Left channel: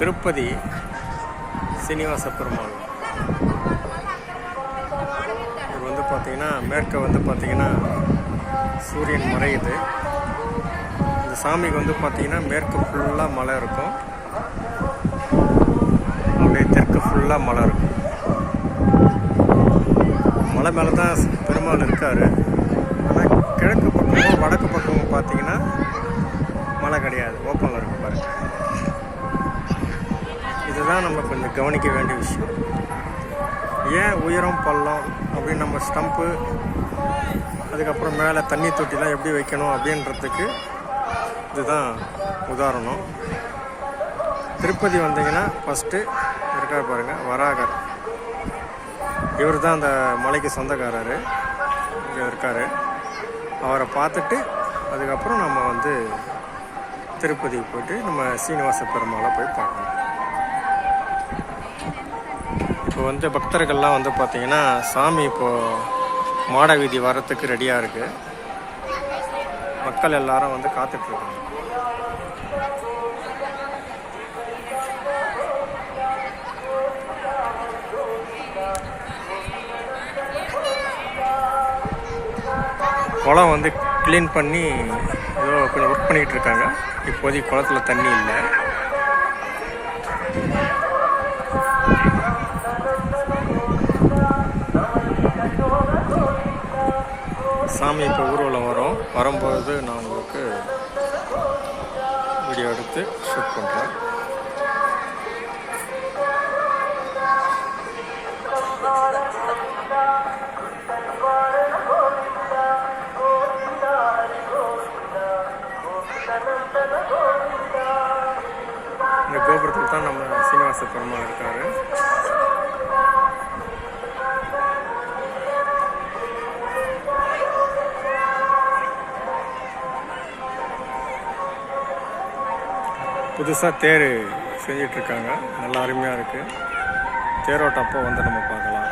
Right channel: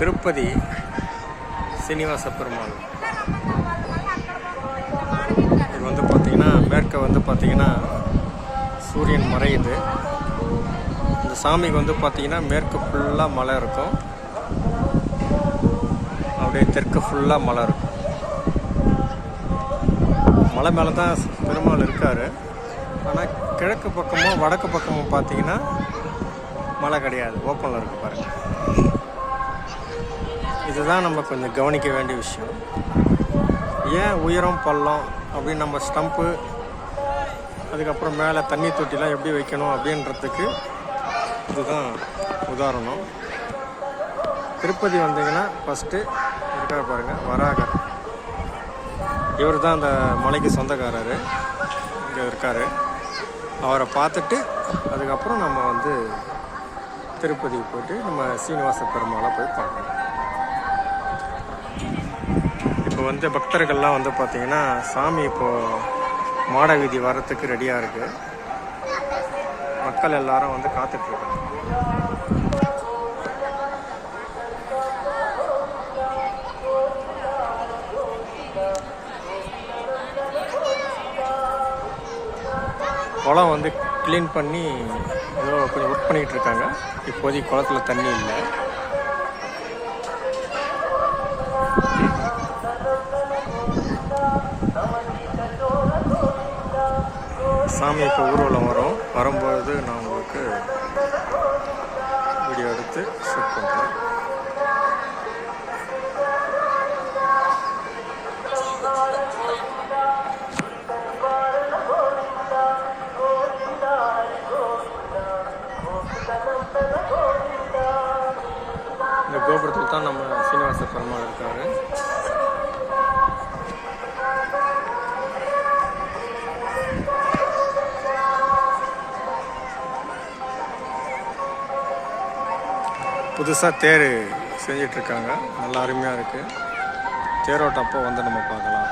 திருப்பதி சீனிவாச பெருமாள். இது வந்து பார்த்திங்கன்னா மேற்க வந்து பார்த்திங்கன்னா சூரியன் மறையுது. இந்த சாமிக்கு வந்து பார்த்திங்கன்னா மேற்கு ஃபுல்லாக மலை இருக்கும், அப்படியே தெற்கு ஃபுல்லாக மலை இருக்கும். மலை மேலே தான் பெருமாள் இருக்கார். ஆனால் கிழக்கு பக்கமோ வடக்கு பக்கமோ பார்த்தீங்கன்னா மழை கிடையாது, ஓப்பனில் இருக்கு பாருங்க. இதுதான் நம்ம கொஞ்சம் கவனிக்க வேண்டிய விஷயம். ஏன் உயரம் பள்ளம் அப்படின்னு நம்ம ஸ்டம்ப்பு, அதுக்கப்புறம் மேலே தண்ணி தொட்டிலாம் எப்படி வைக்கணும் அப்படின்றதுக்கு இதுதான் உதாரணம். திருப்பதி வந்தீங்கன்னா ஃபஸ்ட்டு இருக்கார் பாருங்கள், வராகர். இவர் தான் அந்த மலைக்கு சொந்தக்காரர், இங்கே இருக்கார். அவரை பார்த்துட்டு அதுக்கப்புறம் நம்ம வந்து திருப்பதிக்கு போய்ட்டு நம்ம சீனிவாச பெருமாளை போய் பார்க்கணும். இப்போ வந்து பக்தர்கள்லாம் வந்து பார்த்திங்கன்னா சாமி இப்போது மாட வீதி வரத்துக்கு ரெடியாக இருக்குது. மக்கள் எல்லாரும் வந்து காத்துட்ருக்காங்க. குளம் வந்து க்ளீன் பண்ணி ஏதோ கொஞ்சம் ஒர்க் பண்ணிகிட்டு இருக்காங்க. இப்போதைக்கு குளத்தில் தண்ணி இல்லை. சாமி இப்போ ஊர்வலம் வரும்போது நான் உங்களுக்கு வீடியோ எடுத்து ஷூட் பண்ணுறேன். இந்த கோபுரத்தில் தான் நம்ம சீனிவாச பெருமாள் இருக்காரு. புதுசாக தேர் செஞ்சிட்ருக்காங்க, நல்லா அருமையாக இருக்குது. தேரோட்டப்போ வந்து நம்ம பார்க்கலாம்.